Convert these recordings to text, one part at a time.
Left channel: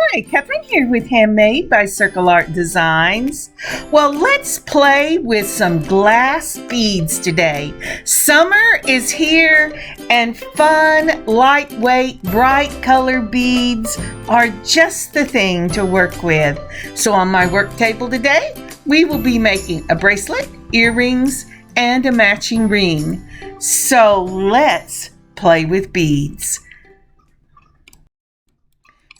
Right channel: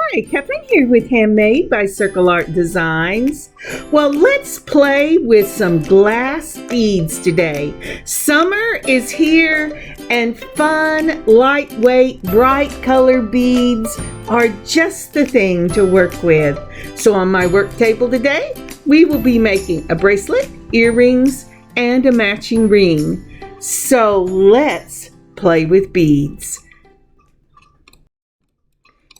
Hi, Kathryn here with Handmade by circleartdesigns. Well, let's play with some glass beads today. Summer is here and fun, lightweight, bright color beads are just the thing to work with. So on my work table today, we will be making a bracelet, earrings, and a matching ring. So let's play with beads.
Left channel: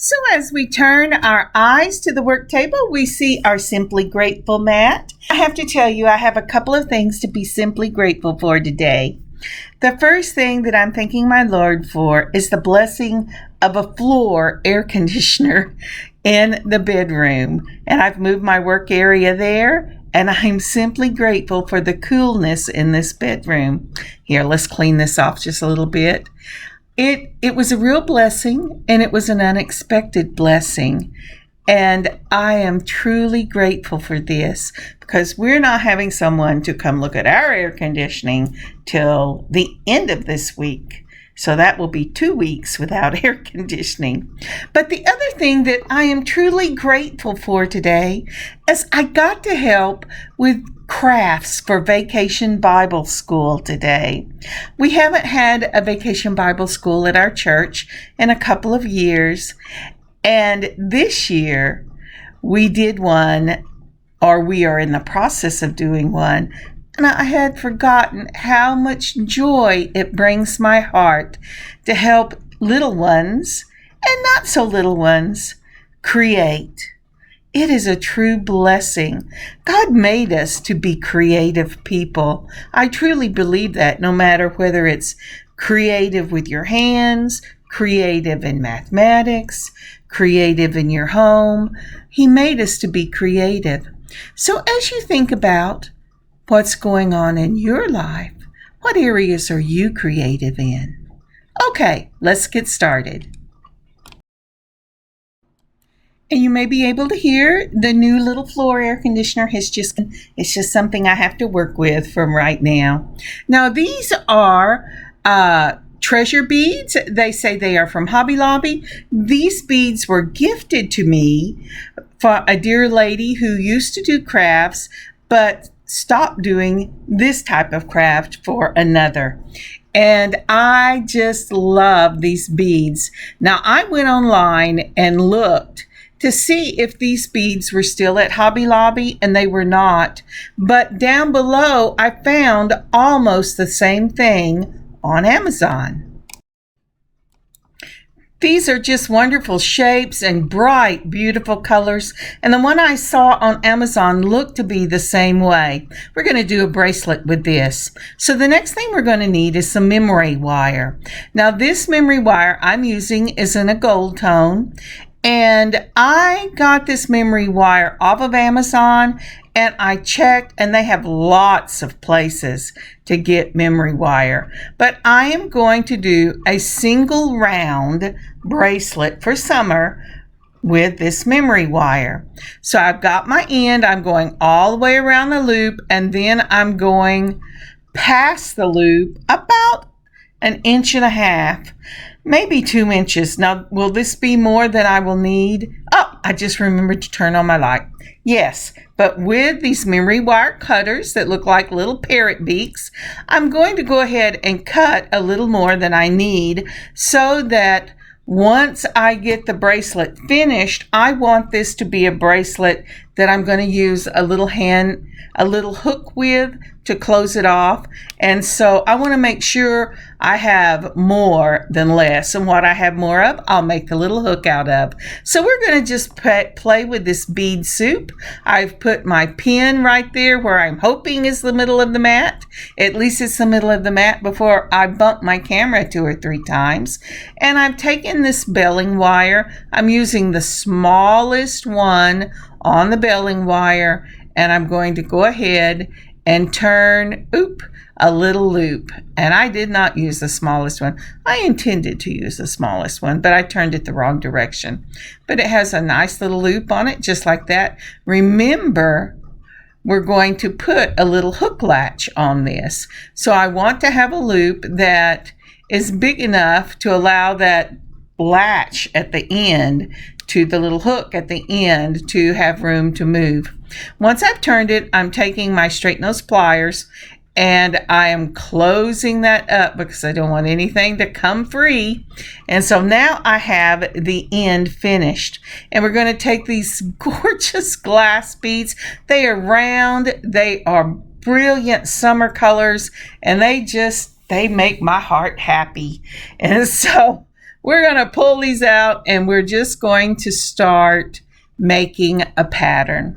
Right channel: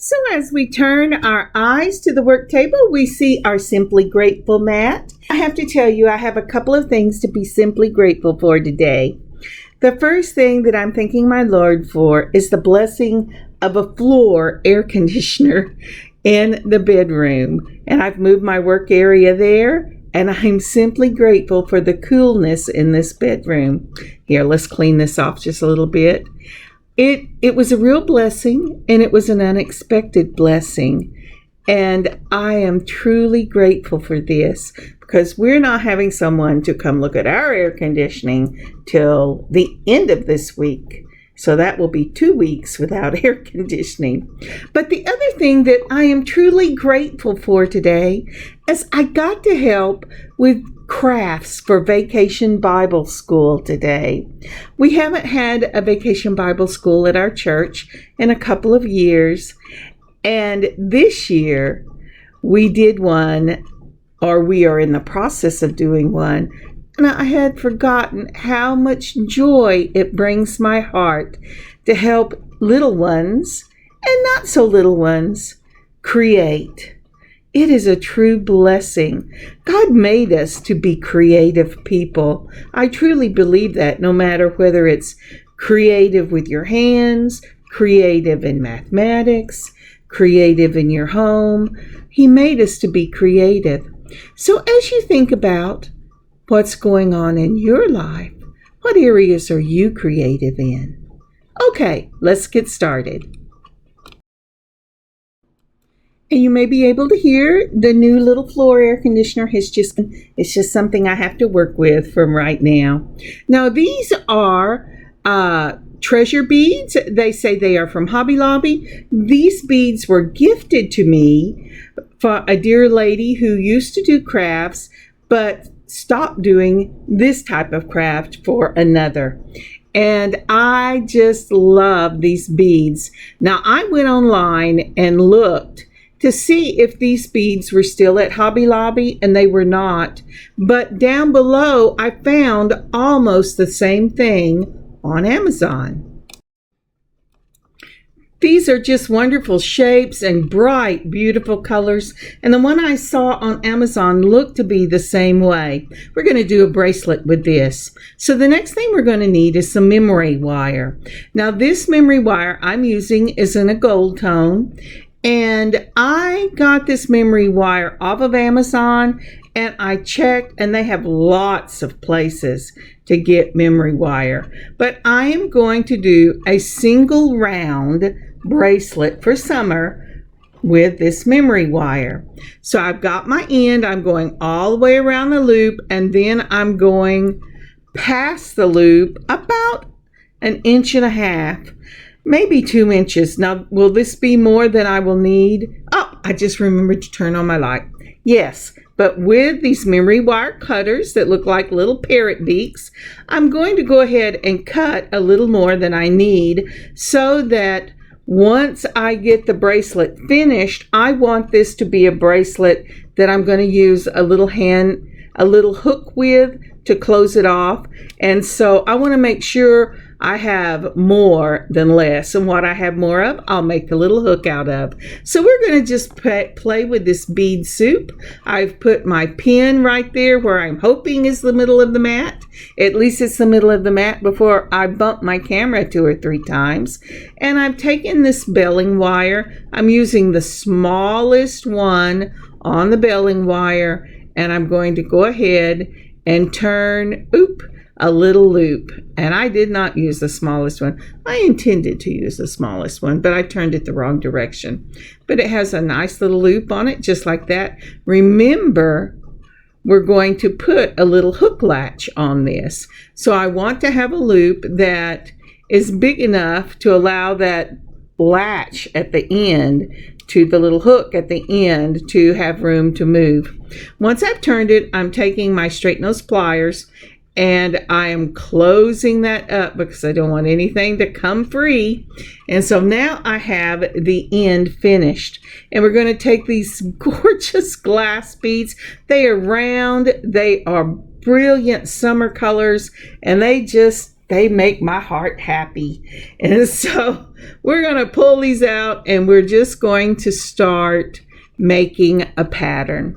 So as we turn our eyes to the work table, we see our Simply Grateful mat. I have to tell you, I have a couple of things to be simply grateful for today. The first thing that I'm thanking my Lord for is the blessing of a floor air conditioner in the bedroom. And I've moved my work area there, and I'm simply grateful for the coolness in this bedroom. Here, let's clean this off just a little bit. It was a real blessing, and it was an unexpected blessing. And I am truly grateful for this because we're not having someone to come look at our air conditioning till the end of this week. So that will be 2 weeks without air conditioning. But the other thing that I am truly grateful for today is I got to help with crafts for Vacation Bible School today. We haven't had a Vacation Bible School at our church in a couple of years. And this year we did one, or we are in the process of doing one. And I had forgotten how much joy it brings my heart to help little ones and not so little ones create. It is a true blessing. God made us to be creative people. I truly believe that, no matter whether it's creative with your hands, creative in mathematics, creative in your home. He made us to be creative. So as you think about what's going on in your life, what areas are you creative in? Okay, let's get started. And you may be able to hear the new little floor air conditioner. It's just something I have to work with from right now. Now these are treasure beads. They say they are from Hobby Lobby. These beads were gifted to me for a dear lady who used to do crafts, but stopped doing this type of craft for another. And I just love these beads. Now I went online and looked to see if these beads were still at Hobby Lobby, and they were not. But down below, I found almost the same thing on Amazon. These are just wonderful shapes and bright, beautiful colors. And the one I saw on Amazon looked to be the same way. We're going to do a bracelet with this. So the next thing we're going to need is some memory wire. Now this memory wire I'm using is in a gold tone. And I got this memory wire off of Amazon, and I checked, and they have lots of places to get memory wire. But I am going to do a single round bracelet for summer with this memory wire. So I've got my end. I'm going all the way around the loop, and then I'm going past the loop about 1.5 inches. Maybe 2 inches. Now, will this be more than I will need? Oh, I just remembered to turn on my light. Yes, but with these memory wire cutters that look like little parrot beaks, I'm going to go ahead and cut a little more than I need so that once I get the bracelet finished, I want this to be a bracelet that I'm going to use a little hook with to close it off. And so I want to make sure I have more than less. And what I have more of, I'll make the little hook out of. So we're going to just play with this bead soup. I've put my pin right there where I'm hoping is the middle of the mat. At least it's the middle of the mat before I bump my camera 2 or 3 times. And I've taken this belling wire. I'm using the smallest one on the belling wire, and I'm going to go ahead and turn a little loop. And I did not use the smallest one. I intended to use the smallest one, but I turned it the wrong direction. But it has a nice little loop on it, just like that. Remember, we're going to put a little hook latch on this. So I want to have a loop that is big enough to allow that latch at the end to the little hook at the end to have room to move. Once I've turned it, I'm taking my straight nose pliers and I am closing that up because I don't want anything to come free. And so now I have the end finished. And we're going to take these gorgeous glass beads. They are round, they are brilliant summer colors, and they make my heart happy. And so we're going to pull these out and we're just going to start making a pattern.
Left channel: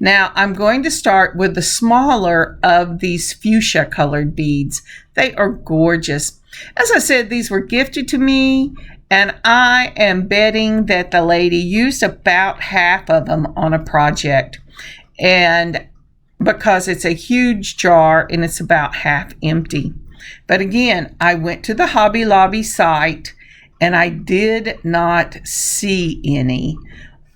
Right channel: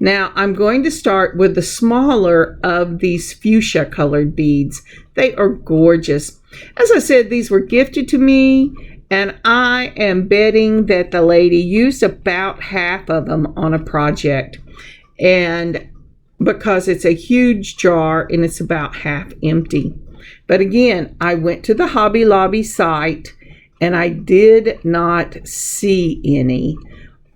Now I'm going to start with the smaller of these fuchsia colored beads. They are gorgeous. As I said, these were gifted to me, and I am betting that the lady used about half of them on a project. And because it's a huge jar and it's about half empty. But again, I went to the Hobby Lobby site and I did not see any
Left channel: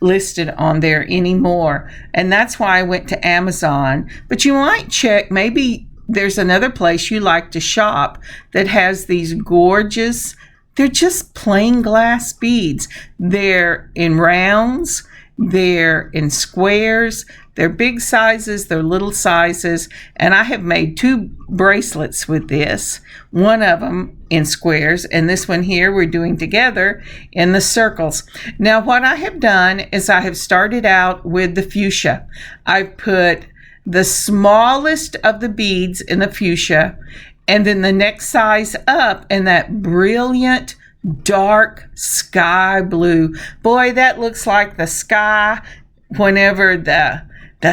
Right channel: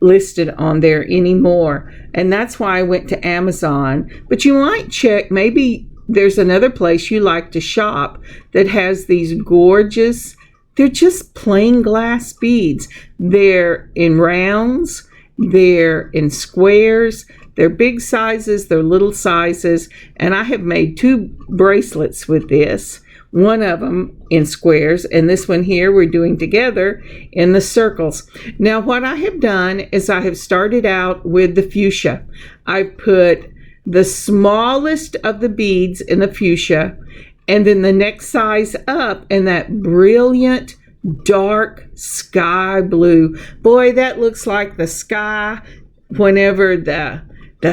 listed on there anymore, and that's why I went to Amazon. But you might check, maybe there's another place you like to shop that has these gorgeous, they're just plain glass beads. They're in rounds, they're in squares, they're big sizes, they're little sizes, and I have made 2 bracelets with this. One of them in squares, and this one here we're doing together in the circles. Now what I have done is I have started out with the fuchsia. I've put the smallest of the beads in the fuchsia, and then the next size up in that brilliant dark sky blue. Boy, that looks like the sky whenever the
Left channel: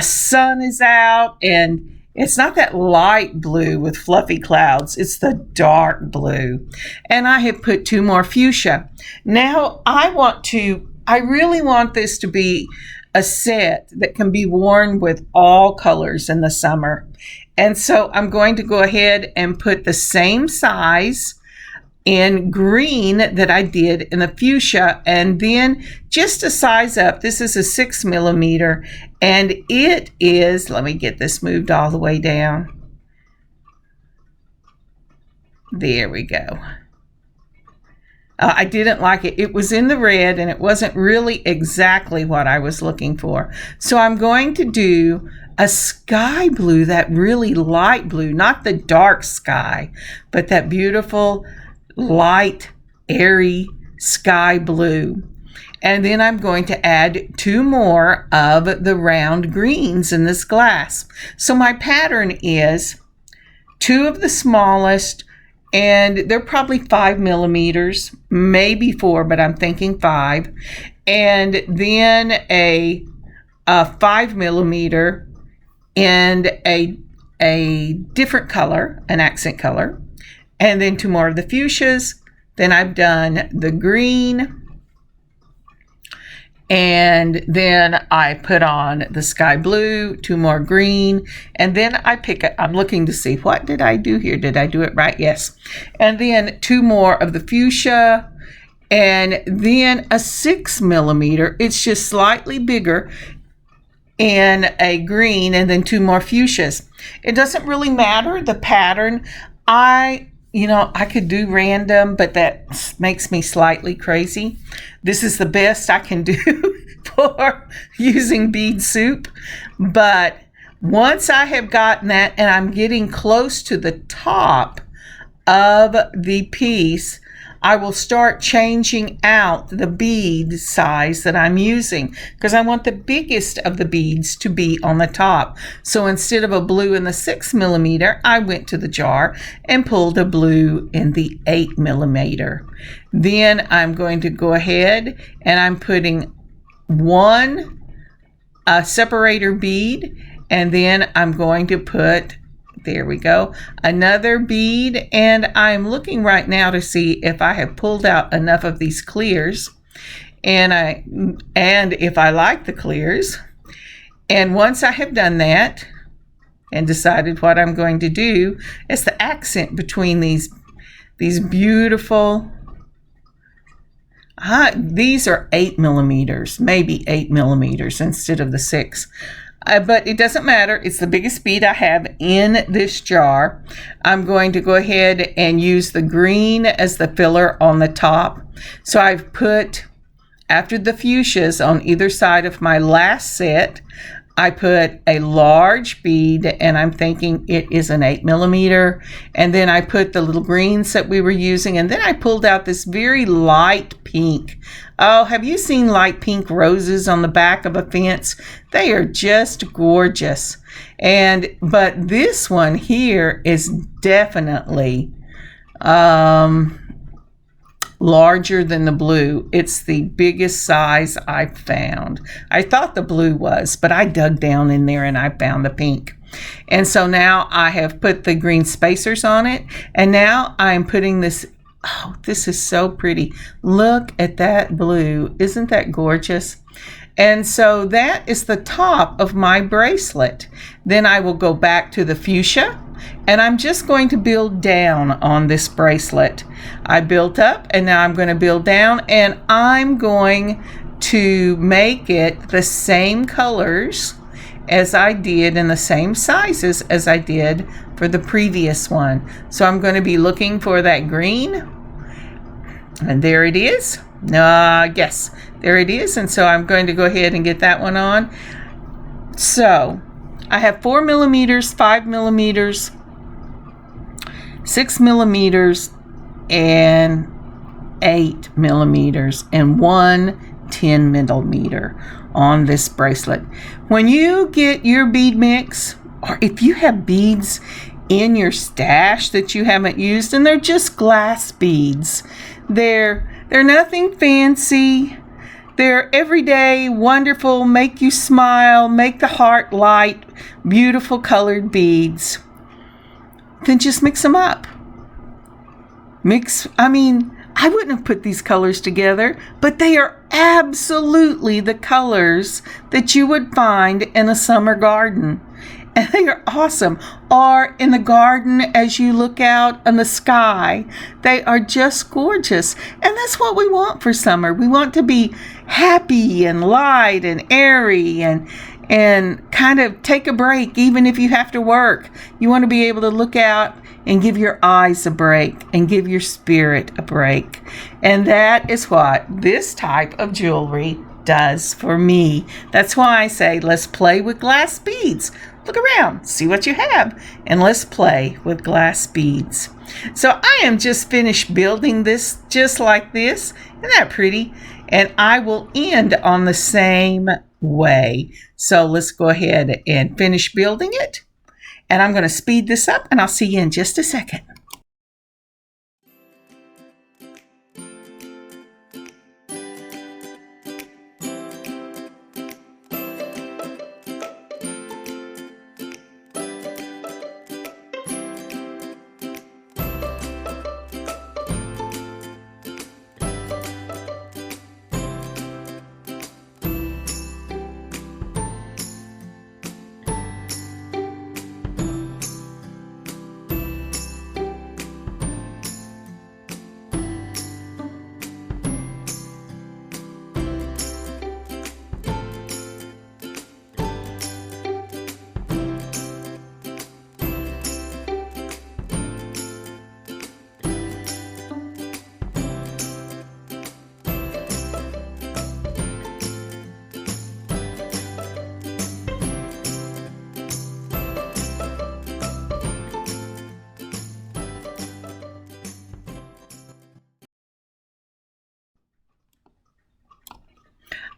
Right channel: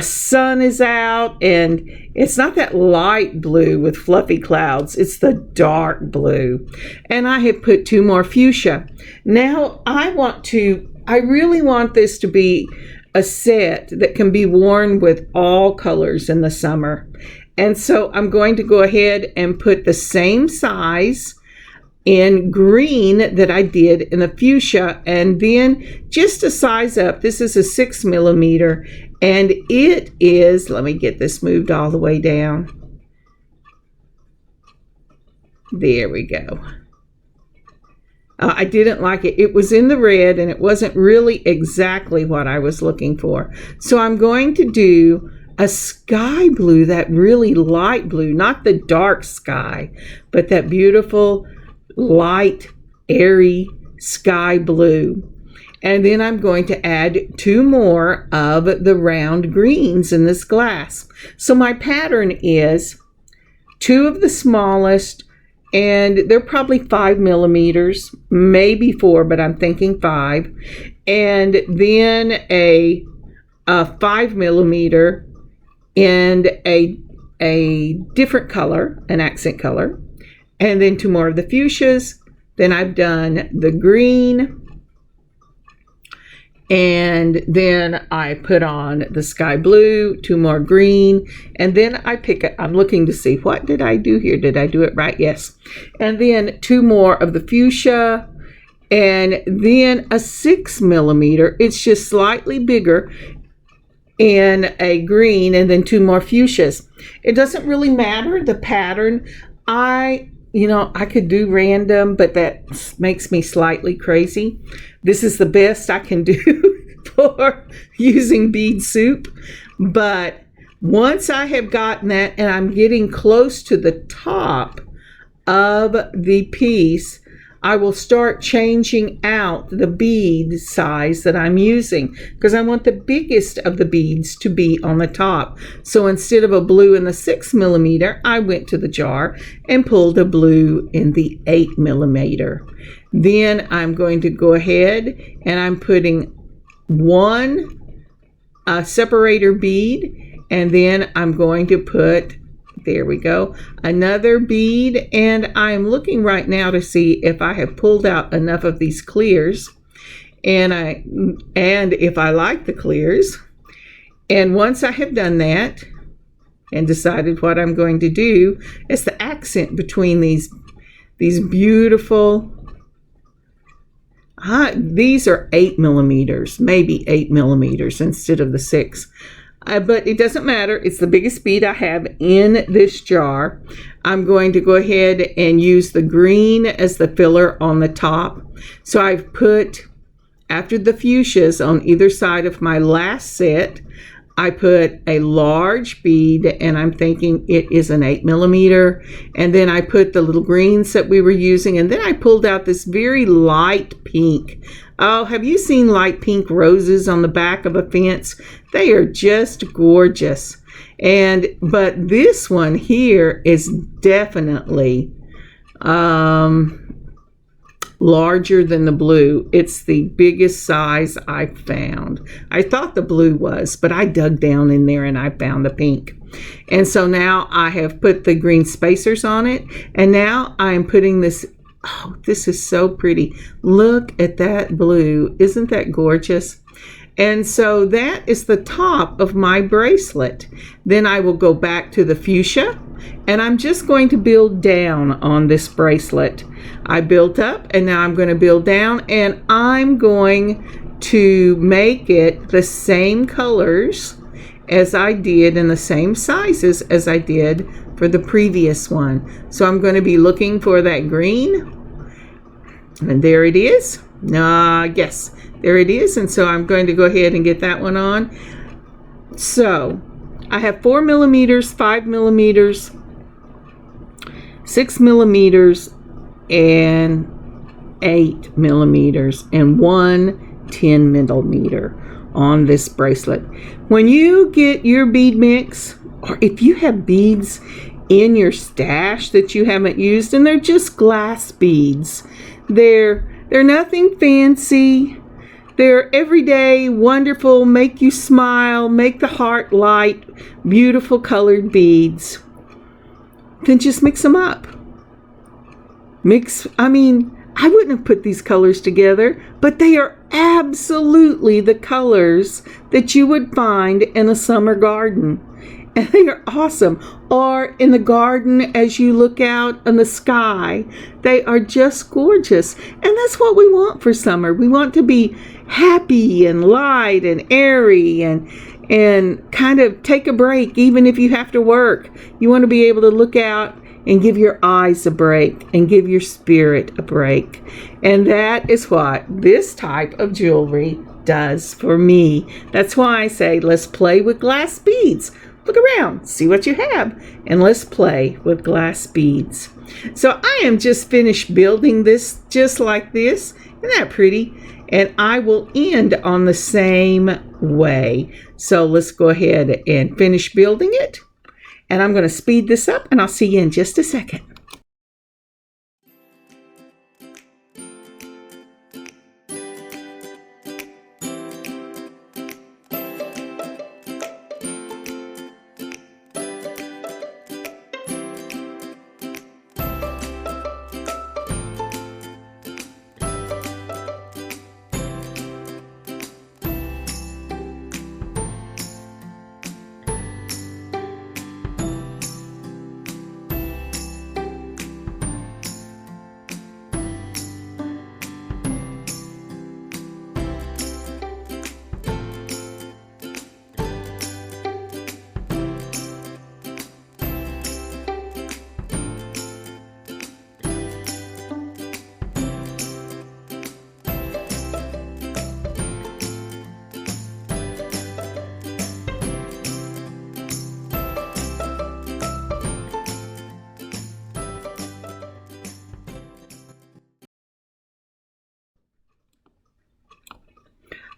sun is out, and it's not that light blue with fluffy clouds, it's the dark blue. And I have put 2 more fuchsia. Now I really want this to be a set that can be worn with all colors in the summer. And so I'm going to go ahead and put the same size in green that I did in the fuchsia, and then just a size up. This is a 6 millimeter, and it is, let me get this moved all the way down. There we go. I didn't like it. It was in the red and it wasn't really exactly what I was looking for. So I'm going to do a sky blue, that really light blue, not the dark sky, but that beautiful light, airy sky blue. And then I'm going to add 2 more of the round greens in this glass. So my pattern is 2 of the smallest, and they're probably 5 millimeters, maybe 4, but I'm thinking 5. And then a 5 millimeter and a different color, an accent color. And then 2 more of the fuchsias. Then I've done the green. And then I put on the sky blue, 2 more green. And then I'm looking to see, what did I do here? Did I do it right? Yes. And then 2 more of the fuchsia. And then a 6 millimeter. It's just slightly bigger, and a green, and then 2 more fuchsias. It doesn't really matter the pattern. I could do random, but that makes me slightly crazy. This is the best I can do for using bead soup. But once I have gotten that and I'm getting close to the top of the piece, I will start changing out the bead size that I'm using, because I want the biggest of the beads to be on the top. So instead of a blue in the 6 millimeter, I went to the jar and pulled a blue in the 8 millimeter. Then I'm going to go ahead and I'm putting 1 separator bead, and then I'm going to put, there we go, another bead. And I'm looking right now to see if I have pulled out enough of these clears, and if I like the clears. And once I have done that and decided what I'm going to do, it's the accent between these beautiful, these are 8 millimeters, maybe 8 millimeters instead of the 6. But it doesn't matter. It's the biggest bead I have in this jar. I'm going to go ahead and use the green as the filler on the top. So I've put after the fuchsias on either side of my last set, I put a large bead, and I'm thinking it is an 8mm, and then I put the little greens that we were using, and then I pulled out this very light pink. Oh, have you seen light pink roses on the back of a fence? They are just gorgeous. But this one here is definitely larger than the blue. It's the biggest size I've found. I thought the blue was, but I dug down in there and I found the pink. And so now I have put the green spacers on it, and now I'm putting this. Oh, this is so pretty. Look at that blue. Isn't that gorgeous? And so that is the top of my bracelet. Then I will go back to the fuchsia, and I'm just going to build down on this bracelet. I built up, and now I'm going to build down, and I'm going to make it the same colors as I did and the same sizes as I did for the previous one. So I'm going to be looking for that green, and there it is. Yes, there it is. And so I'm going to go ahead and get that one on. So I have 4mm, 5mm, 6mm, and 8mm, and one 10mm on this bracelet. When you get your bead mix, or if you have beads in your stash that you haven't used, and they're just glass beads, they're nothing fancy. They're everyday, wonderful, make you smile, make the heart light, beautiful colored beads. Then just mix them up. I wouldn't have put these colors together, but they are absolutely the colors that you would find in a summer garden. And they are awesome. Or in the garden as you look out in the sky. They are just gorgeous. And that's what we want for summer. We want to be happy and light and airy and kind of take a break, even if you have to work. You want to be able to look out and give your eyes a break and give your spirit a break. And that is what this type of jewelry does for me. That's why I say, let's play with glass beads. Look around, see what you have, and let's play with glass beads. So I am just finished building this just like this. Isn't that pretty? And I will end on the same way. So let's go ahead and finish building it. And I'm going to speed this up, and I'll see you in just a second.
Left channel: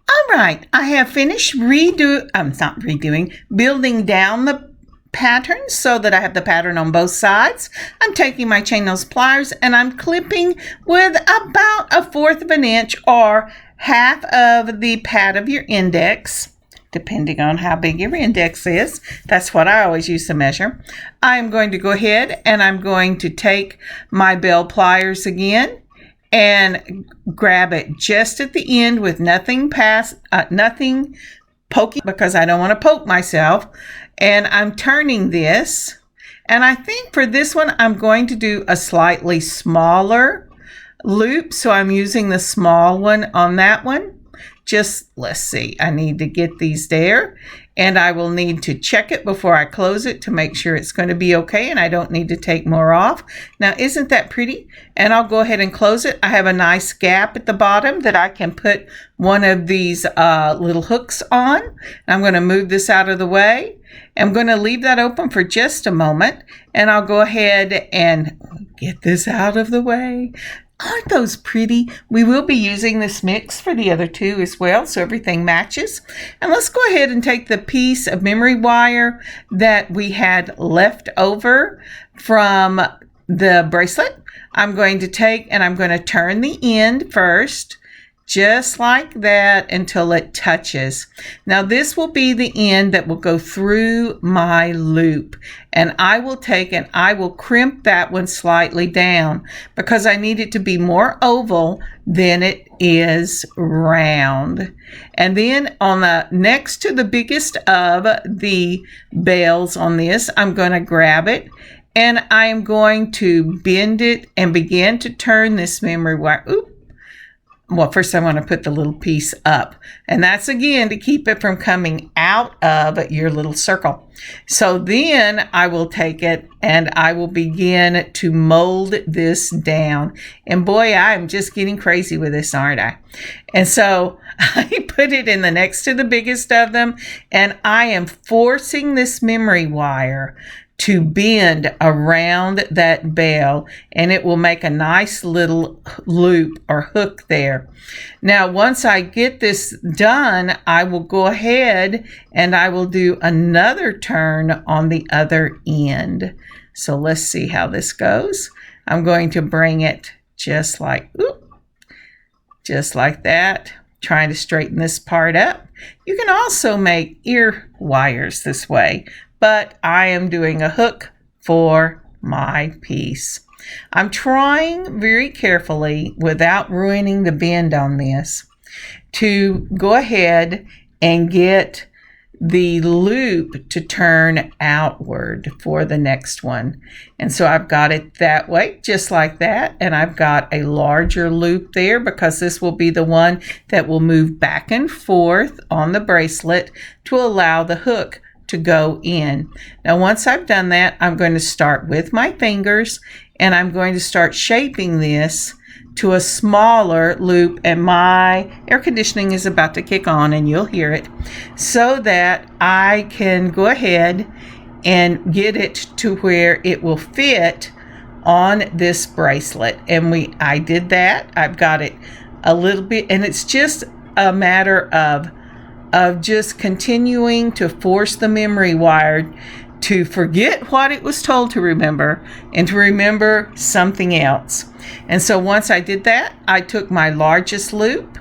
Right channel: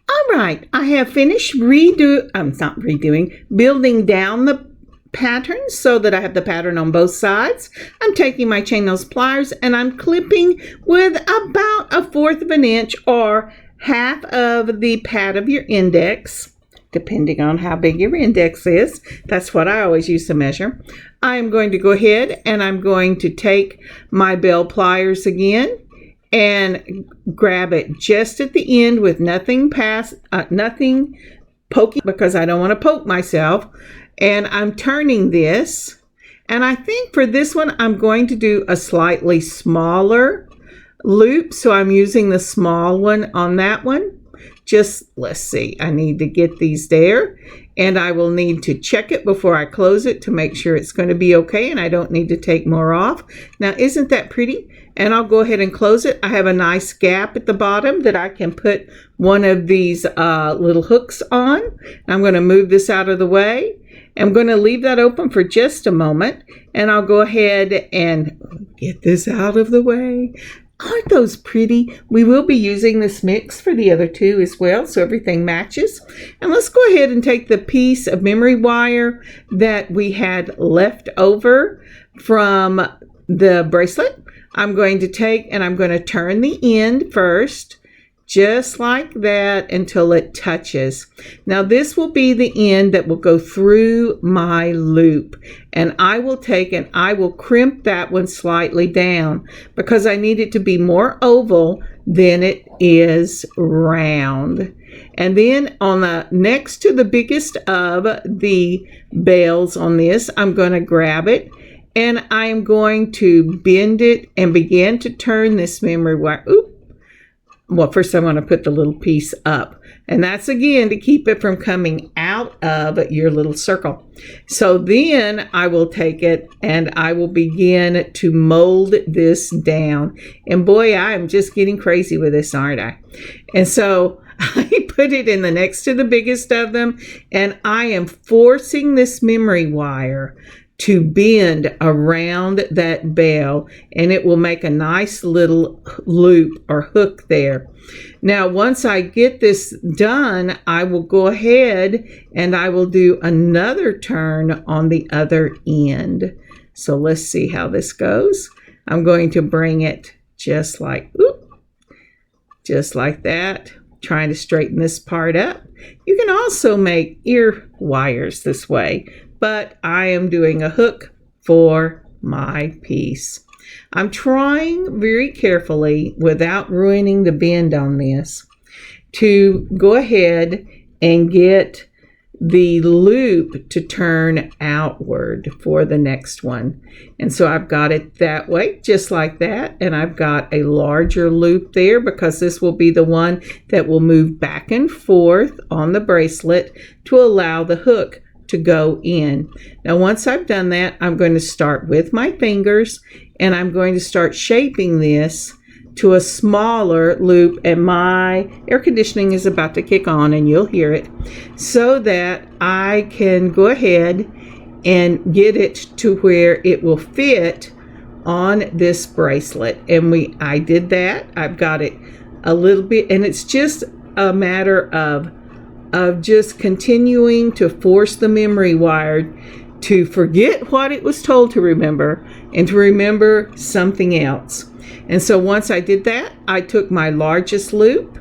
All right, I have finished building down the pattern so that I have the pattern on both sides. I'm taking my chain nose pliers and I'm clipping with about 1/4 of an inch or half of the pad of your index, depending on how big your index is. That's what I always use to measure. I am going to go ahead and I'm going to take my bell pliers again and grab it just at the end with nothing poking, because I don't want to poke myself. And I'm turning this, and I think for this one I'm going to do a slightly smaller loop, so I'm using the small one on that one. Let's see, I need to get these there. and I will need to check it before I close it to make sure it's going to be okay and I don't need to take more off. Now, isn't that pretty? And I'll go ahead and close it. I have a nice gap at the bottom that I can put one of these little hooks on. I'm going to move this out of the way. I'm going to leave that open for just a moment, and I'll go ahead and get this out of the way. Aren't those pretty? We will be using this mix for the other two as well, so everything matches. And let's go ahead and take the piece of memory wire that we had left over from the bracelet. I'm going to take and I'm going to turn the end first, just like that, until it touches. Now this will be the end that will go through my loop, and I will take and I will crimp that one slightly down because I need it to be more oval than it is round. And then on the next to the biggest of the bells on this, I'm going to grab it and I am going to bend it and begin to turn this memory wire. Oop. Well, first I want to put the little piece up, and that's again to keep it from coming out of your little circle. So then I will take it and I will begin to mold this down. And boy, I'm just getting crazy with this, aren't I? And so I put it in the next to the biggest of them, and I am forcing this memory wire to bend around that bell, and it will make a nice little loop or hook there. Now, once I get this done, I will go ahead and I will do another turn on the other end. So let's see how this goes. I'm going to bring it just like that, trying to straighten this part up. You can also make ear wires this way, but I am doing a hook for my piece. I'm trying very carefully, without ruining the bend on this, to go ahead and get the loop to turn outward for the next one. And so I've got it that way, just like that. And I've got a larger loop there because this will be the one that will move back and forth on the bracelet to allow the hook to go in. Now, once I've done that, I'm going to start with my fingers and I'm going to start shaping this to a smaller loop, and my air conditioning is about to kick on and you'll hear it, so that I can go ahead and get it to where it will fit on this bracelet. And I did that. I've got it a little bit, and it's just a matter of just continuing to force the memory wire to forget what it was told to remember and to remember something else. And so once I did that, I took my largest loop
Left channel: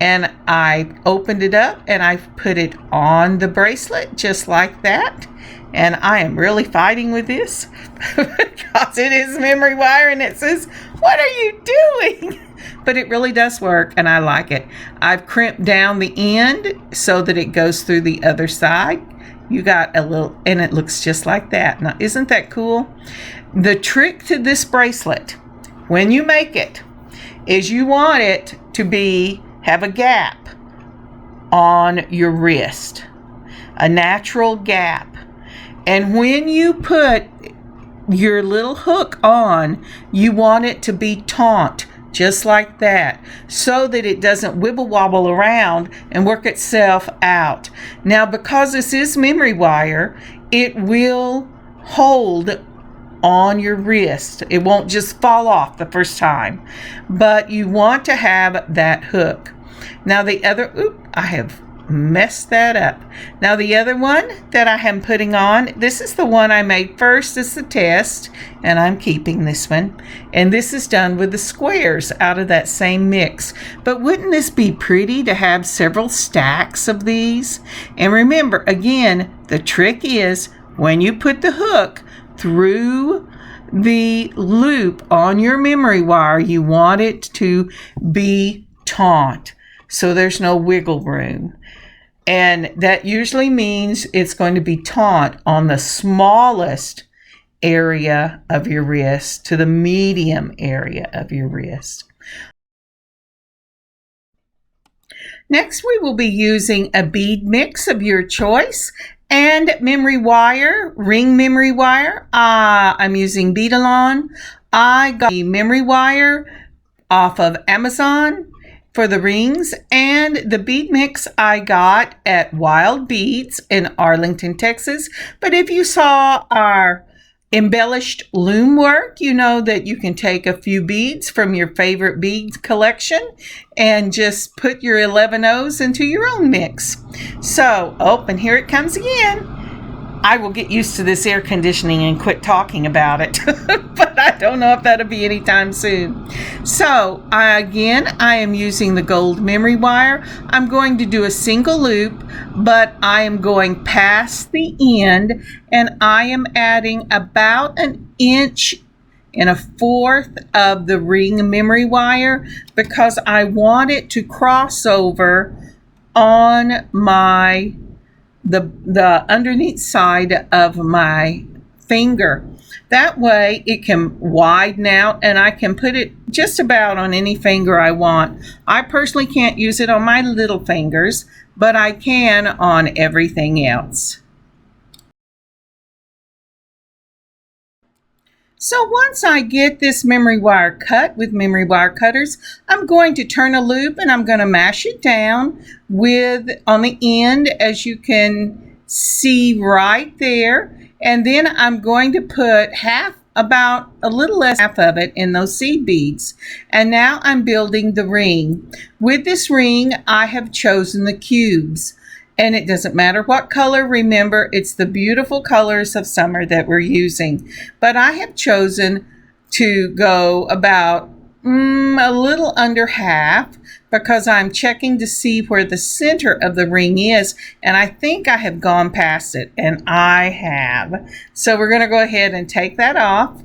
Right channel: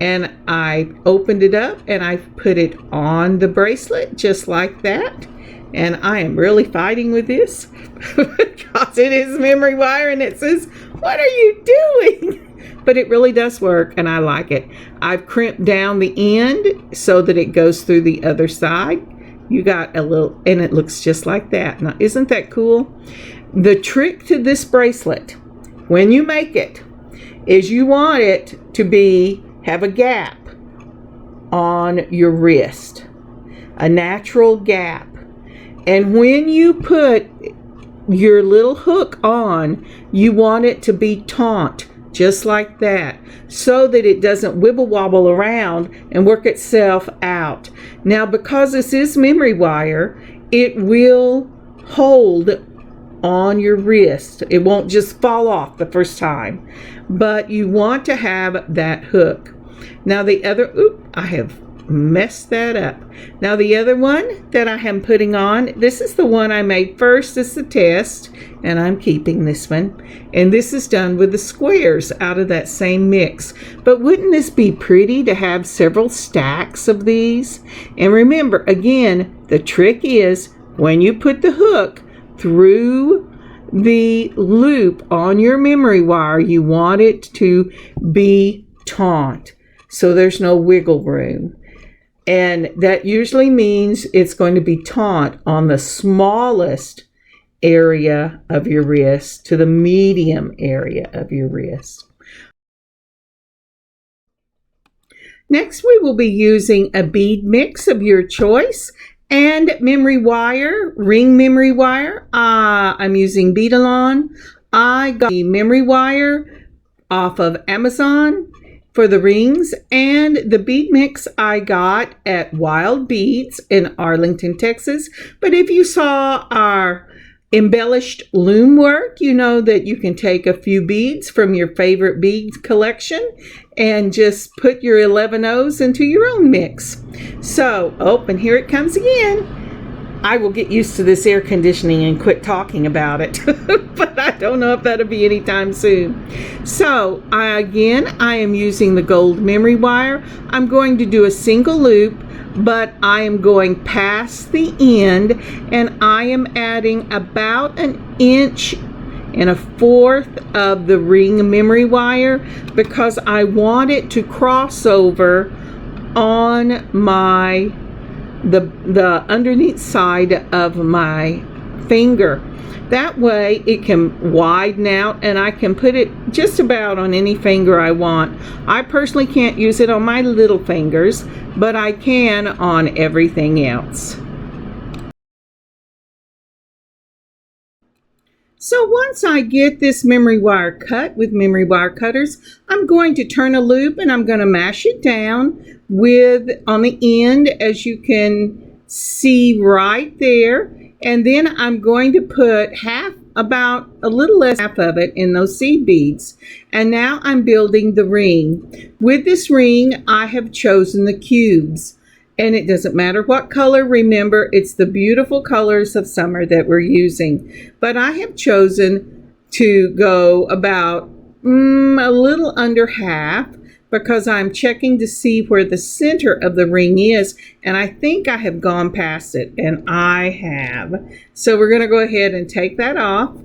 and I opened it up and I put it on the bracelet just like that. And I am really fighting with this because it is memory wire and it says, "What are you doing?" But it really does work and I like it. I've crimped down the end so that it goes through the other side. You got a little, and it looks just like that. Now, isn't that cool? The trick to this bracelet, when you make it, is you want it to have a gap on your wrist, a natural gap. And when you put your little hook on, you want it to be taut, just like that, so that it doesn't wibble wobble around and work itself out. Now, because this is memory wire, it will hold on your wrist. It won't just fall off the first time, but you want to have that hook. Now the other, I have messed that up. Now the other one that I am putting on, this is the one I made first. This is the test, and I'm keeping this one. And this is done with the squares out of that same mix. But wouldn't this be pretty to have several stacks of these? And remember, again, the trick is when you put the hook through the loop on your memory wire, you want it to be taut, so there's no wiggle room. And that usually means it's going to be taut on the smallest area of your wrist to the medium area of your wrist. Next, we will be using a bead mix of your choice and memory wire, ring memory wire. I'm using Beadalon. I got the memory wire off of Amazon for the rings, and the bead mix I got at Wild Beads in Arlington, Texas. But if you saw our embellished loom work, you know that you can take a few beads from your favorite bead collection and just put your 11 O's into your own mix. So, oh, and here it comes again. I will get used to this air conditioning and quit talking about it, but I don't know if that'll be anytime soon. So, I am using the gold memory wire. I'm going to do a single loop, but I am going past the end, and I am adding about 1 1/4 inch of the ring memory wire because I want it to cross over on the underneath side of my finger. That way it can widen out and I can put it just about on any finger I want. I personally can't use it on my little fingers, but I can on everything else. So once I get this memory wire cut with memory wire cutters, I'm going to turn a loop and I'm going to mash it down on the end, as you can see right there. And then I'm going to put about a little less half of it in those seed beads. And now I'm building the ring. With this ring, I have chosen the cubes. And it doesn't matter what color. Remember, it's the beautiful colors of summer that we're using. But I have chosen to go about a little under half because I'm checking to see where the center of the ring is. And I think I have gone past it, and I have. So we're going to go ahead and take that off.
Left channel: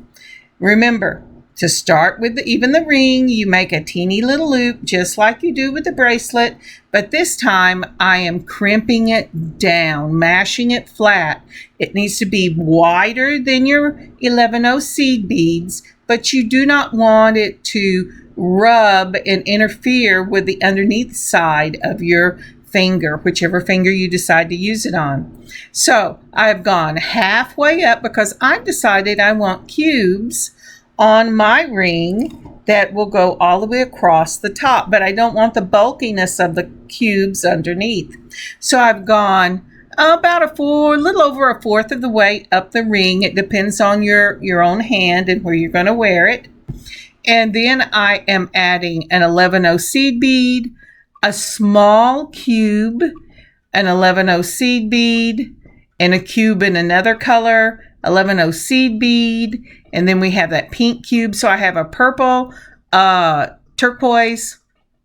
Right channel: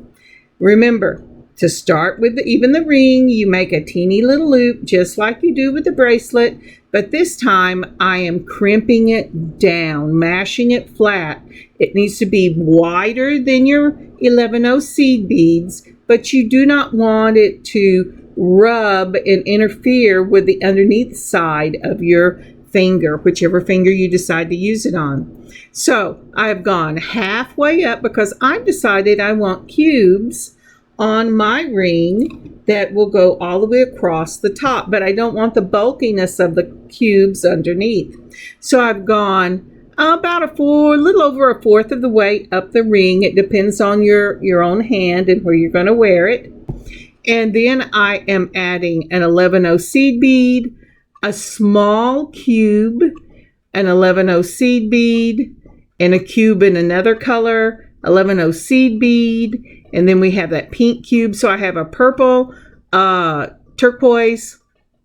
Remember, to start with even the ring, you make a teeny little loop just like you do with the bracelet, but this time I am crimping it down, mashing it flat. It needs to be wider than your 11 seed beads, but you do not want it to rub and interfere with the underneath side of your finger, whichever finger you decide to use it on. So I've gone halfway up because I've decided I want cubes on my ring that will go all the way across the top, but I don't want the bulkiness of the cubes underneath. So I've gone about little over 1/4 of the way up the ring. It depends on your own hand and where you're going to wear it. And then I am adding an 11 seed bead, a small cube, an 11 seed bead, and a cube in another color, 11 seed bead, and then we have that pink cube. So I have a purple, turquoise,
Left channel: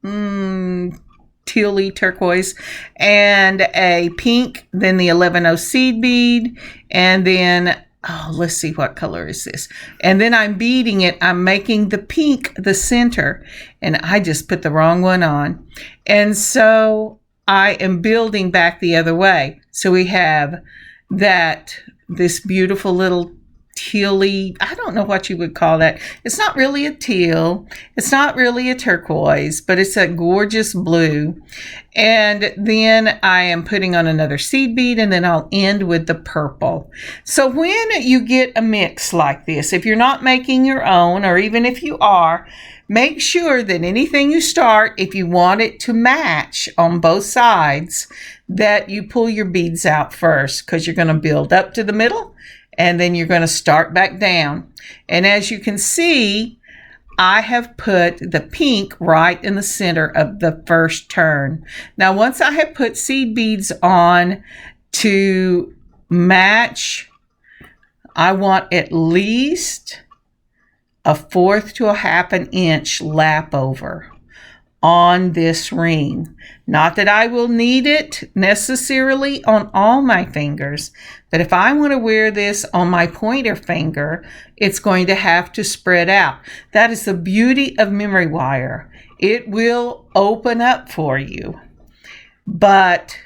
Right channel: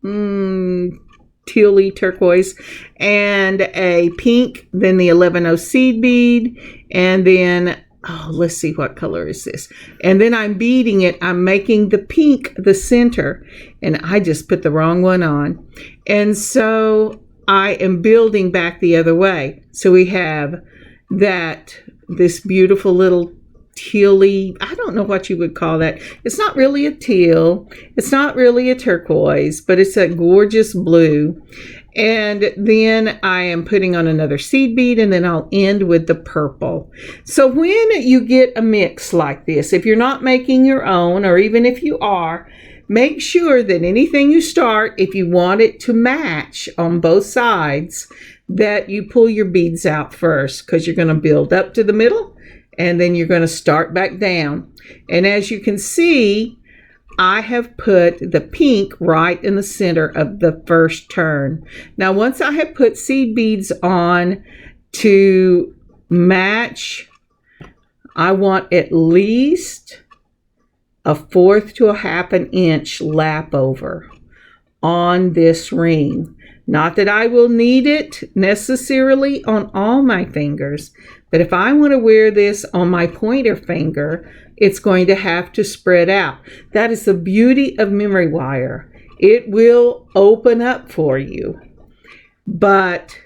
tealy turquoise, and a pink, then the 11 seed bead, and then, let's see, what color is this? And then I'm beading it. I'm making the pink the center, and I just put the wrong one on. And so I am building back the other way. So we have this beautiful little tealy, I don't know what you would call that. It's not really a teal. It's not really a turquoise, but it's a gorgeous blue. And then I am putting on another seed bead, and then I'll end with the purple. So when you get a mix like this, if you're not making your own, or even if you are, make sure that anything you start, if you want it to match on both sides, that you pull your beads out first, because you're going to build up to the middle and then you're going to start back down. And as you can see, I have put the pink right in the center of the first turn. Now, once I have put seed beads on to match, I want at least 1/4 to 1/2 inch lap over on this ring. Not that I will need it necessarily on all my fingers, but if I want to wear this on my pointer finger, it's going to have to spread out. That is the beauty of memory wire. It will open up for you, but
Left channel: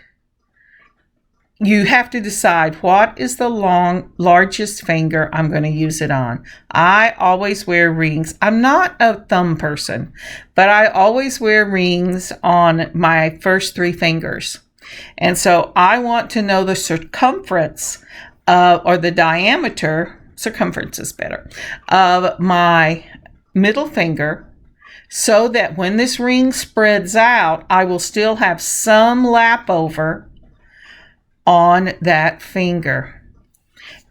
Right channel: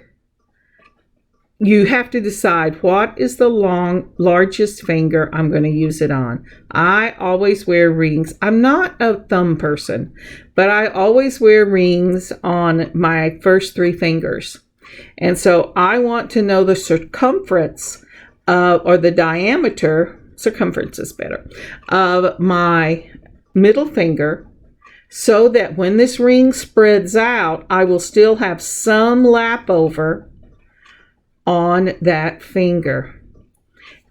you have to decide what is the largest finger I'm going to use it on. I always wear rings. I'm not a thumb person, but I always wear rings on my first 3 fingers. And so I want to know the circumference or the diameter, circumference is better, of my middle finger, so that when this ring spreads out, I will still have some lap over on that finger.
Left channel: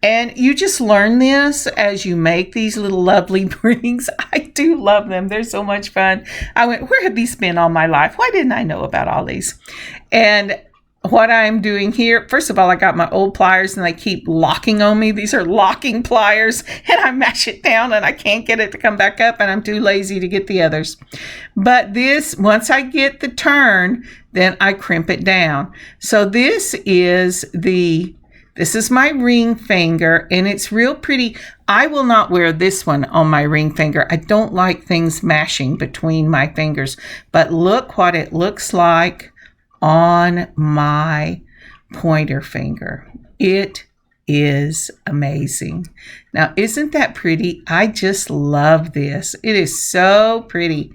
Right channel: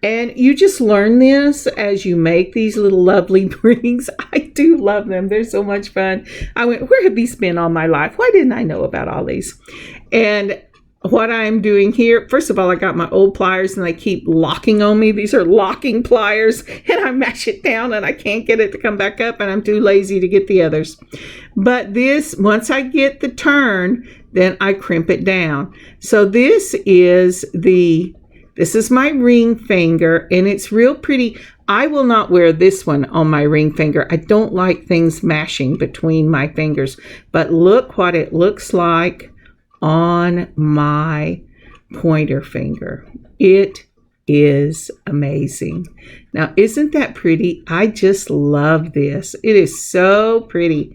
And you just learn this as you make these little lovely rings. I do love them. They're so much fun. I went, where have these been all my life? Why didn't I know about all these? And what I'm doing here, first of all, I got my old pliers and they keep locking on me. These are locking pliers, and I mash it down and I can't get it to come back up, and I'm too lazy to get the others. But this, once I get the turn, then I crimp it down. So this is my ring finger, and it's real pretty. I will not wear this one on my ring finger. I don't like things mashing between my fingers, but look what it looks like on my pointer finger. It is amazing. Now, isn't that pretty? I just love this. It is so pretty.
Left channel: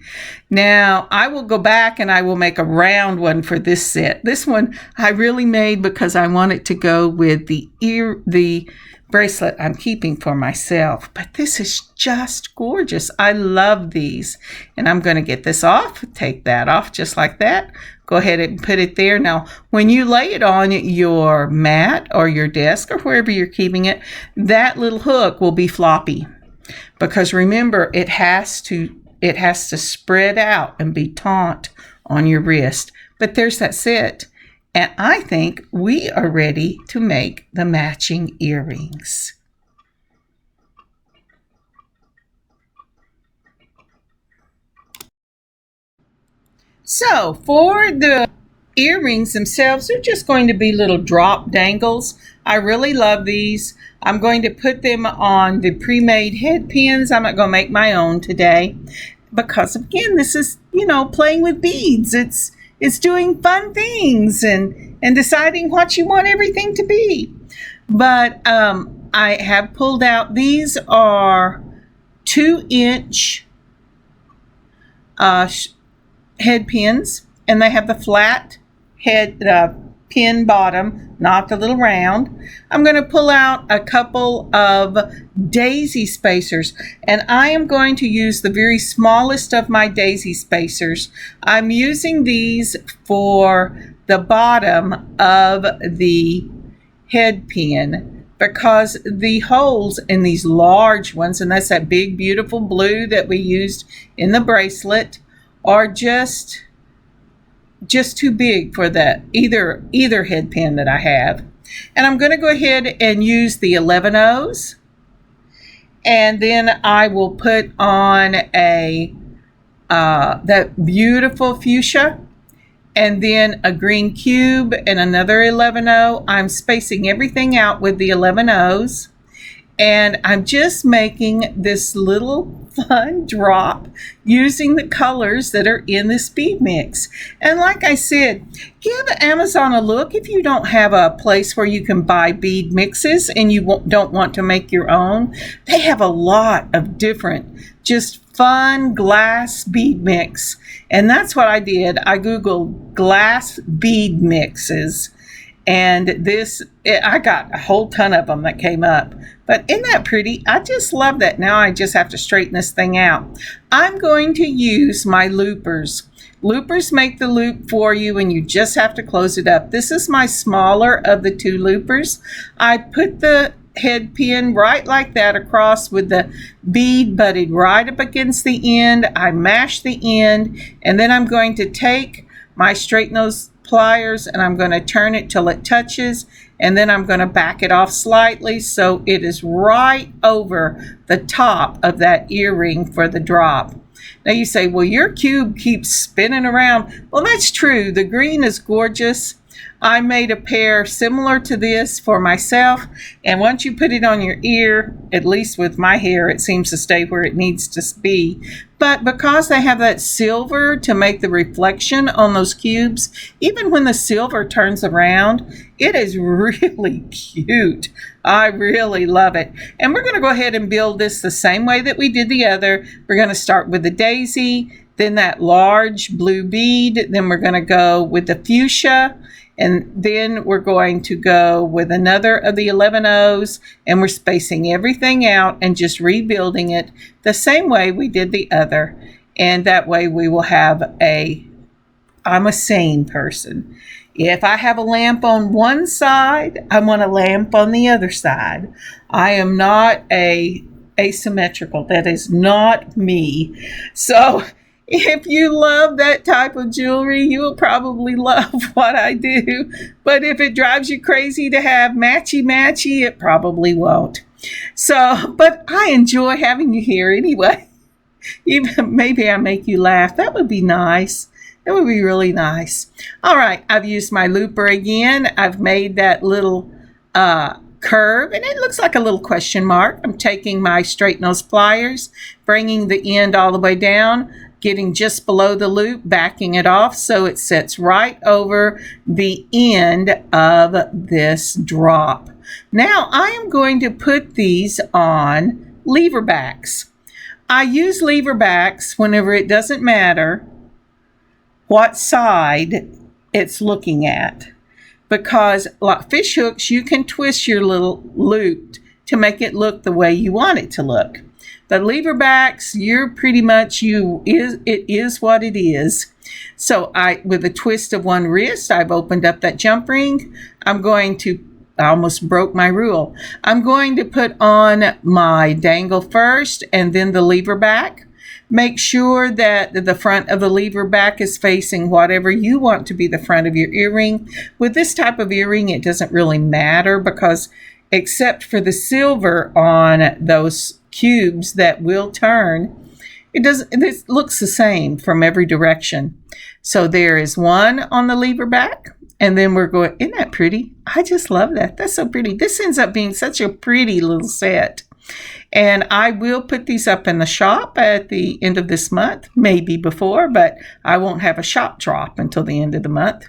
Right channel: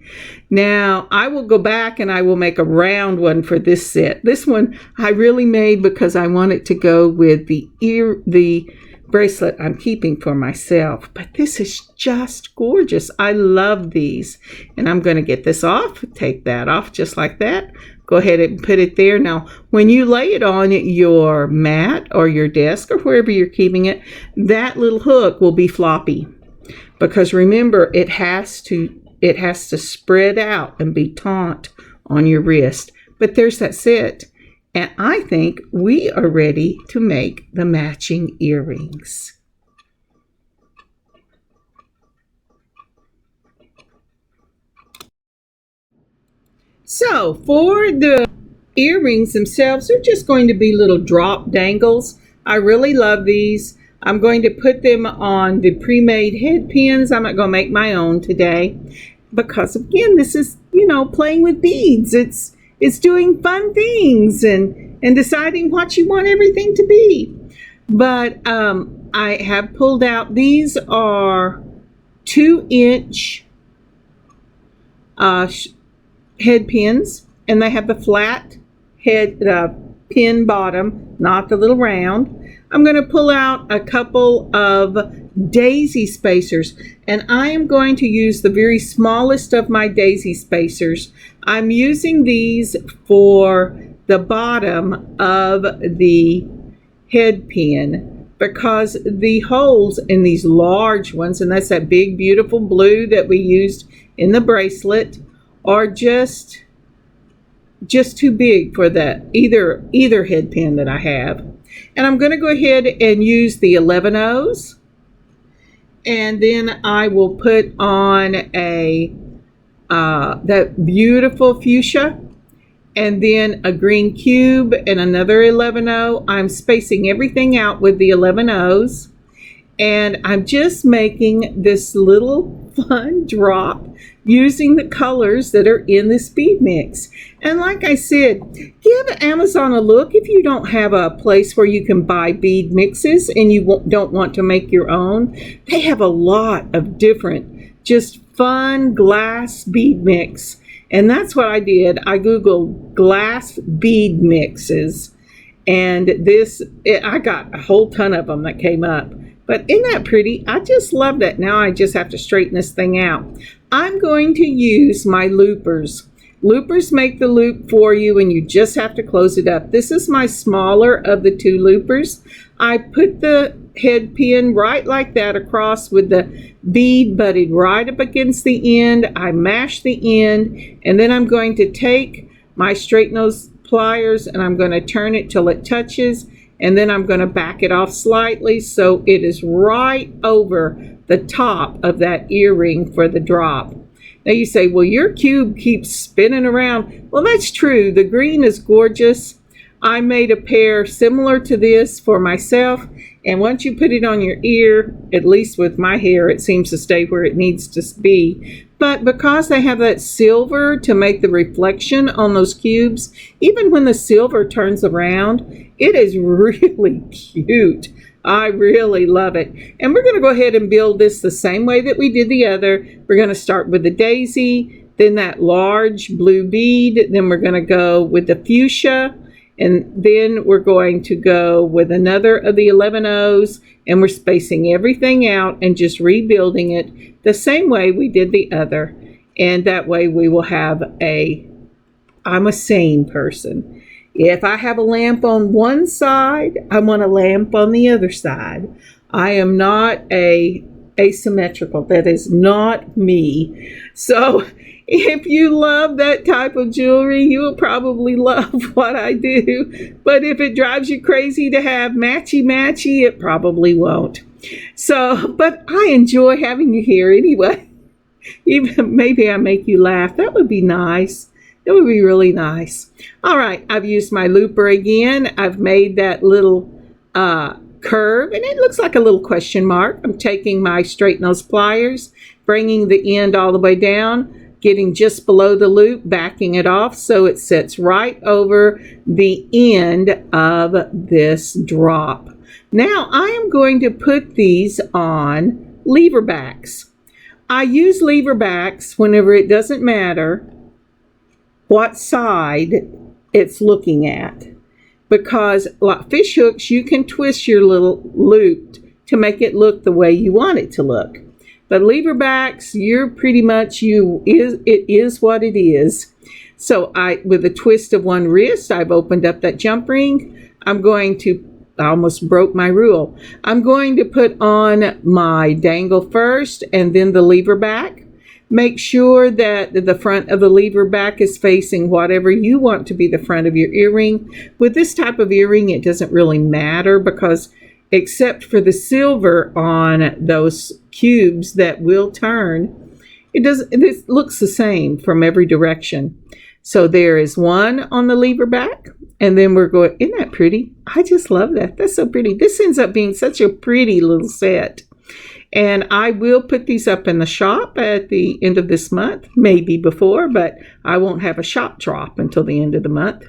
Now, I will go back and I will make a round one for this set. This one I really made because I want it to go with the bracelet I'm keeping for myself. But this is just gorgeous. I love these. And I'm going to get this off, take that off just like that. Go ahead and put it there. Now, when you lay it on your mat or your desk or wherever you're keeping it, that little hook will be floppy. Because remember, it has to spread out and be taut on your wrist. But there's that set. And I think we are ready to make the matching earrings. So for the earrings themselves, they're just going to be little drop dangles. I really love these. I'm going to put them on the pre-made head pins. I'm not going to make my own today because, again, this is, playing with beads. It's doing fun things and deciding what you want everything to be. But I have pulled out, these are 2-inch head pins, and they have the flat head pin bottom, not the little round. I'm going to pull out a couple of daisy spacers, and I am going to use the very smallest of my daisy spacers. I'm using these for the bottom of the head pin because the holes in these large ones, and that's that big beautiful blue that we used in the bracelet, are just too big for that either head pin that I have. And I'm going to go ahead and use the 11/0s, and then I will put on that beautiful fuchsia, and then a green cube and another 11/0. I'm spacing everything out with the 11/0s. And I'm just making this little fun drop using the colors that are in this bead mix. And like I said, give Amazon a look if you don't have a place where you can buy bead mixes and you don't want to make your own. They have a lot of different, just fun glass bead mix. And that's what I did. I Googled glass bead mixes. And I got a whole ton of them that came up. But isn't that pretty? I just love that. Now I just have to straighten this thing out. I'm going to use my loopers. Loopers make the loop for you and you just have to close it up. This is my smaller of the 2 loopers. I put the head pin right like that across with the bead butted right up against the end. I mash the end, and then I'm going to take my straight nose pliers and I'm going to turn it till it touches, and then I'm going to back it off slightly so it is right over the top of that earring for the drop. Now you say, well, your cube keeps spinning around. Well, that's true. The green is gorgeous, I made a pair similar to this for myself, and once you put it on your ear, at least with my hair, it seems to stay where it needs to be. But because they have that silver to make the reflection on those cubes, even when the silver turns around, it is really cute. I really love it. And we're going to go ahead and build this the same way that we did the other. We're going to start with the daisy, then that large blue bead, then we're going to go with the fuchsia, and then we're going to go with another of the 11 O's, and we're spacing everything out and just rebuilding it the same way we did the other. And that way we will have I'm a sane person. If I have a lamp on one side, I want a lamp on the other side. I am not asymmetrical. That is not me. So if you love that type of jewelry, you will probably love what I do. But if it drives you crazy to have matchy, it probably won't. So, but I enjoy having you here anyway. Even maybe I make you laugh. That would be nice. That would be really nice. All right, I've used my looper again. I've made that little curve, and it looks like a little question mark. I'm taking my straight nose pliers, bringing the end all the way down, getting just below the loop, backing it off so it sits right over the end of this drop. Now I am going to put these on lever backs. I use lever backs whenever it doesn't matter what side it's looking at, because like fish hooks, you can twist your little loop to make it look the way you want it to look. The lever backs, you're pretty much it is what it is. So with a twist of one wrist, I've opened up that jump ring. I almost broke my rule. I'm going to put on my dangle first and then the lever back. Make sure that the front of the lever back is facing whatever you want to be the front of your earring. With this type of earring, it doesn't really matter because except for the silver on those cubes that will turn, it looks the same from every direction. So there is one on the lever back, and then we're going, isn't that pretty? I just love that. That's so pretty. This ends up being such a pretty little set. And I will put these up in the shop at the end of this month, maybe before, but I won't have a shop drop until the end of the month.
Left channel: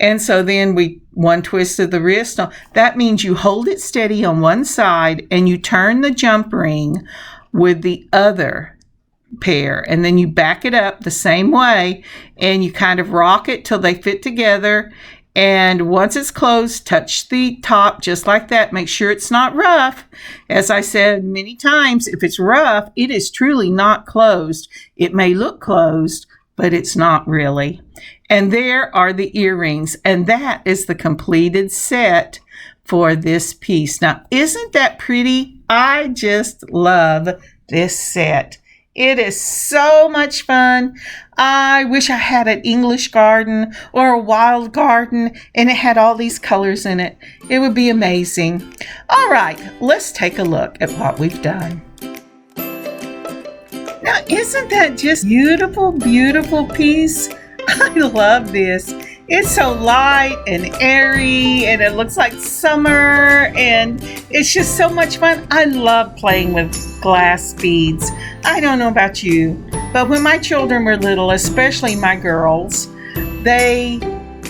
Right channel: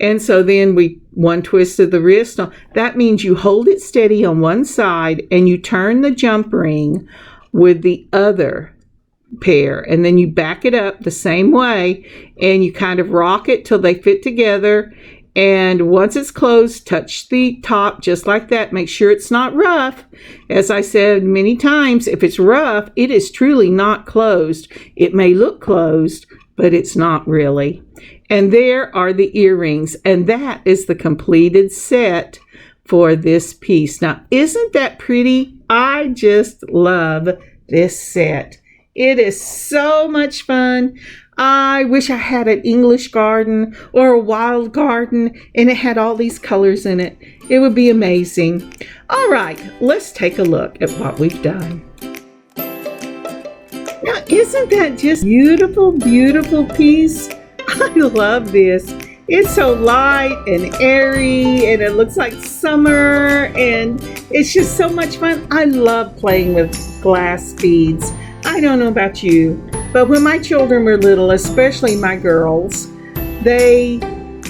And so then one twist of the wrist. That means you hold it steady on one side and you turn the jump ring with the other pair. And then you back it up the same way and you kind of rock it till they fit together. And once it's closed, touch the top just like that. Make sure it's not rough. As I said many times, if it's rough, it is truly not closed. It may look closed, but it's not really. And there are the earrings. And that is the completed set for this piece. Now, isn't that pretty? I just love this set. It is so much fun. I wish I had an English garden or a wild garden and it had all these colors in it. It would be amazing. All right, let's take a look at what we've done. Now, isn't that just beautiful, beautiful piece? I love this. It's so light and airy and it looks like summer and it's just so much fun. I love playing with glass beads. I don't know about you, but when my children were little, especially my girls, they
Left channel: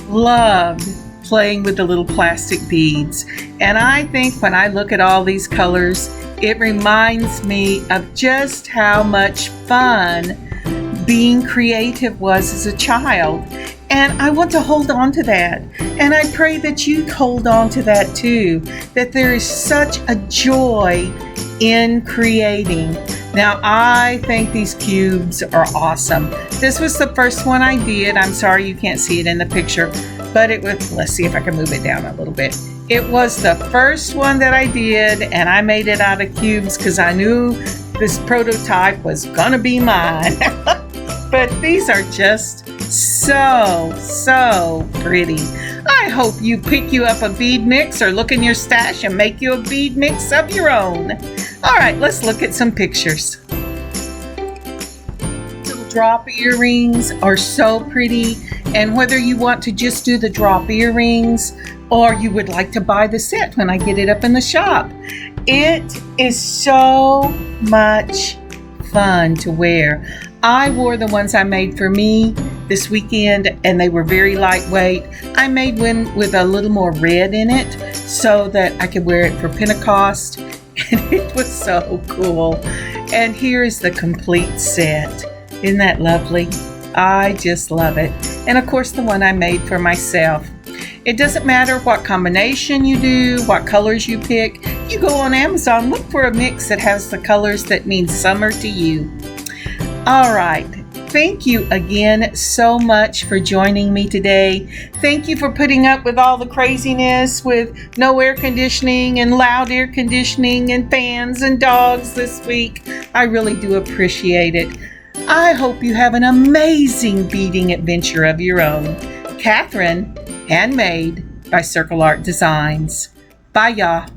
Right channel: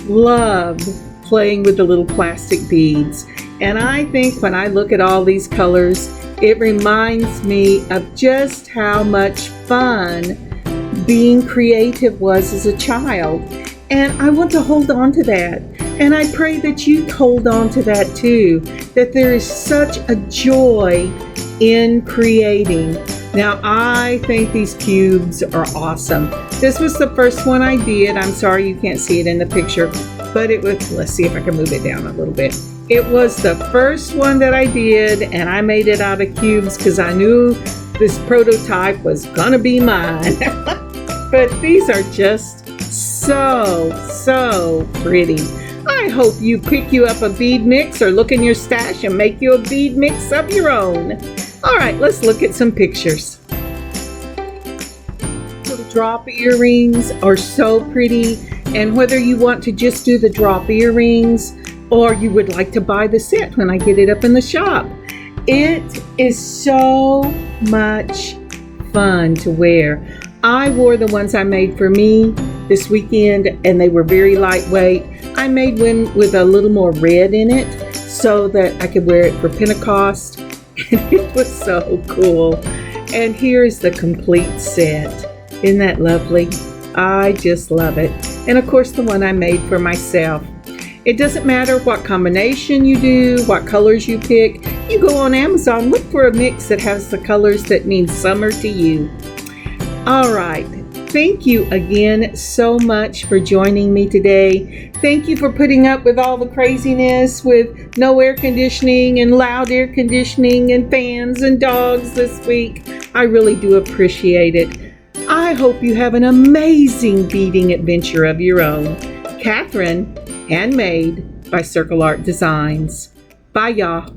loved playing with the little plastic beads. And I think when I look at all these colors, it reminds me of just how much fun being creative was as a child. And I want to hold on to that. And I pray that you hold on to that too, that there is such a joy in creating. Now, I think these cubes are awesome. This was the first one I did. I'm sorry you can't see it in the picture, but it was, let's see if I can move it down a little bit. It was the first one that I did, and I made it out of cubes because I knew this prototype was gonna be mine. But these are just so pretty. I hope you pick you up a bead mix or look in your stash and make you a bead mix of your own. All right, let's look at some pictures. Little drop earrings are so pretty, and whether you want to just do the drop earrings or you would like to buy the set when I get it up in the shop, it is so much fun to wear. I wore the ones I made for me this weekend, and they were very lightweight. I made one with a little more red in it so that I could wear it for Pentecost, and it was so cool. And here's the complete set. Isn't that lovely? I just love it. And of course, the one I made for myself. It doesn't matter what combination you do, what colors you pick. You go on Amazon, look for a mix that has the colors that mean summer to you. All right. Thank you again so much for joining me today. Thank you for putting up with all the craziness with no air conditioning and loud air conditioning and fans and dogs this week. I really do appreciate it. I hope you have an amazing beading adventure of your own. Kathryn, Handmade by Circle Art Designs. Bye, y'all.